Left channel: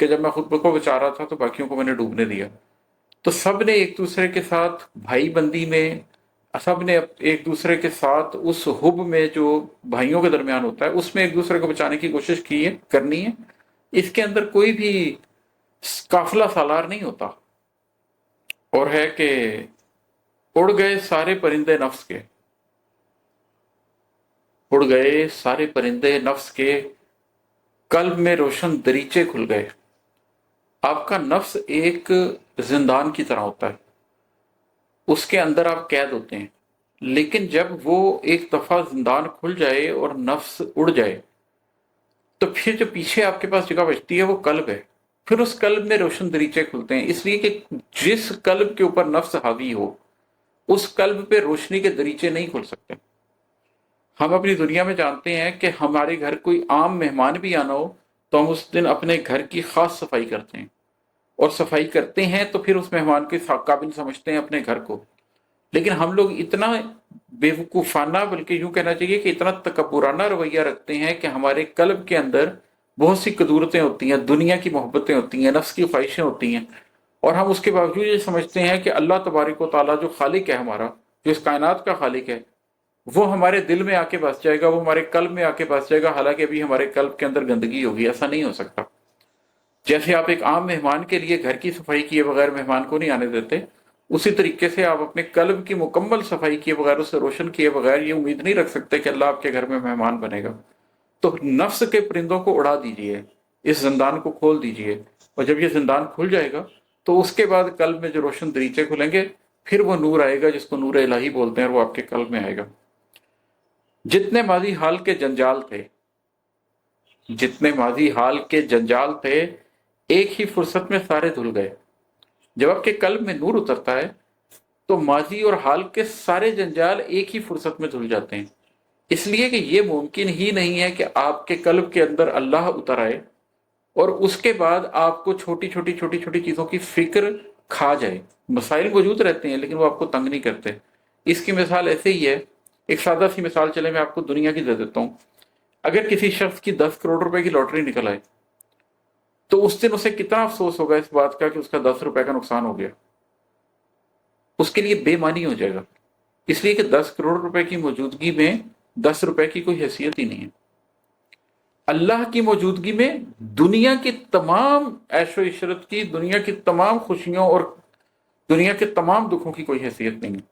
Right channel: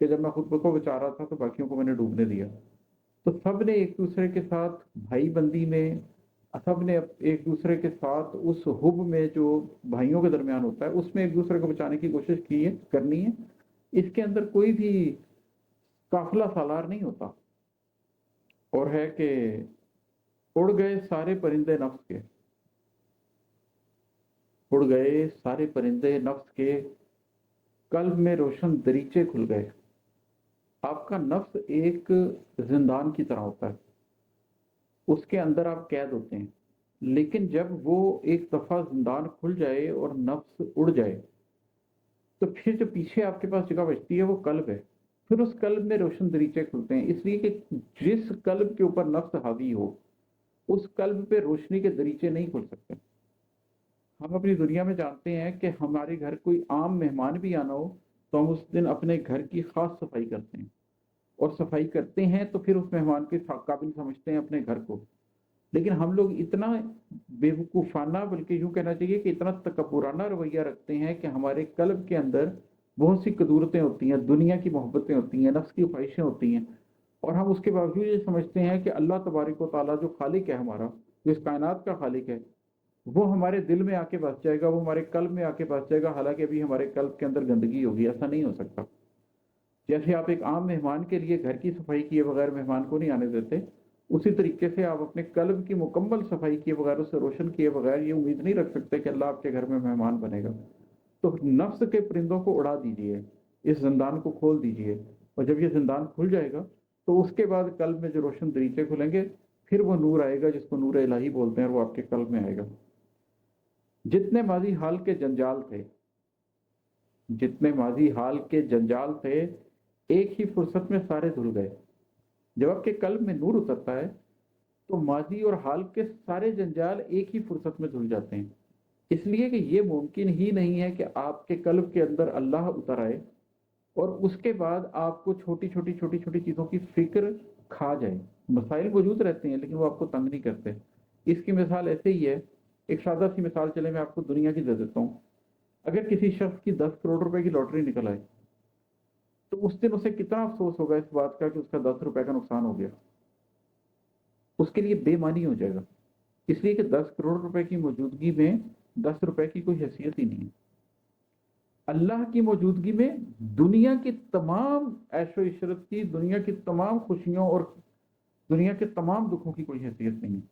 کہ जब मैं खुद को बचा रहा था तो बाकियों को मैंने डूबने दिया। तो सब ने एक दूसरे के साथ भाई बंदी में, सब ने एक दूसरे के साथ उस हुब में जो भाइयों के दरमियान होता है उसमें एक दूसरे को बचाने की कोशिश की है, करनी है। इसके अंदर कोई भी काफिला सालार नहीं होता। और है कि उड़ गए सारे परिंदे नफ्स के, उड़ गए सारे परिंदे नफ्स के, कल्ब में रोशन दरीचे खुल गए। आपका नफ्स एक जिंदान की तरह होता है, उसके अंदर आप कैद होते हैं। लेकिन जब वो एक दफा जिंदान खुल जाए और नफ्स उड़ जाए, तो फिर जो पीछे आपके पास जगह बचती है वो कल्ब है। फिर उस कल्ब में रोशन दरीचे खुलते हैं, इसलिए कि जिस कल्ब के ऊपर नफ्स हावी हो उस कल्ब पे रोशनी के दरीचे नहीं खुल सकते। हम अपनी दुनिया में जानते हैं कि हमारे घर कोई आम मेहमान भी आना हो तो हम उस दिन अपने घर की खास सफाई करते हैं, और सफाई करते हैं तो फिर उस मेहमान के काबिल समझते हैं अपने घर को। लेकिन हम लोग इतना बेवकूफ़ाना, बल्कि यूं कहना चाहिए कि इतना तकब्बुराना रवैया रखते हैं कि हमारे कल्ब के अंदर बहुत सी कदूरतें होती हैं, दुनिया की मोहब्बतें होती हैं, नफ्स की ख्वाहिशें होती हैं, और हम उसके बावजूद ये समझते हैं कि अल्लाह तबारक व तआला जो खालिक है हमारा, जो इस कायनात का खालिक है, वो हमारे दिल में आके बस जाएगा, वो हमारे कल्ब में आके बस जाएगा। हालांकि अभी हमारे कल्ब के अंदर गंदगी होगी। ऐसा नहीं हो सकता। जैसे आप एक आम मेहमान के लिए घर की सफाई किए बगैर मेहमान को नहीं आने देते, उसी तरीके से आप अपने कल्ब की मुकम्मल सफाई किए बगैर, उसे रोशन किए बगैर ये उम्मीद नहीं रख सकते कि अल्लाह आपके घर में मेहमान बनेगा। तो नफ्स के परिंदों को उड़ा दीजिए, इस जिंदान को खोल दीजिए, और जब ये जिंदान खुल जाएगा तो उसके बाद कल्ब में जो रोशन दरीचे खुलेंगे, फिर वो नूर आएगा जिसको नूर इलाही बोलते हैं, और वो आपके कल्ब में आएगा। जितने माजी हाल के जंजाल थे, जितने माजी हाल के जंजाल थे, एक ही फुर्सत में सारे धुल गए। जब आपके कल्ब में नूर उतरता है तो माजी और हाल के सारे जंजाल एक ही फुर्सत में धुल जाते हैं। इसलिए कि ये मुमकिन ही नहीं है कि आपके कल्ब के अंदर अल्लाह उतर आए और उसके बाद आपको छोटी छोटी छोटी छोटी चीज़ों की फिक्र खा जाए। मसाइल मौजूद रहते हैं लेकिन वो आपको तंग नहीं करते। इसकी मिसाल ऐसे ही है, एक सादा सी मिसाल चले मैं आपको दुनिया की दे देता हूँ। अगर किसी शख्स की 10 करोड़ रुपए की लॉटरी निकल आए तो उस दिन उसे कितना अफसोस होगा इस बात का कि उसका 10 रुपए का नुकसान हो गया। उसके लिए बेमानी हो जाएगा, इसलिए कि 10 करोड़ रुपए की मौजूदगी में 10 रुपए की कोई हैसियत ही नहीं है। अल्लाह की मौजूदगी में दुनिया की तमाम ऐशो इशरत की, दुनिया की तमाम खुशियों और दुनिया के तमाम दुखों की कोई हैसियत नहीं है।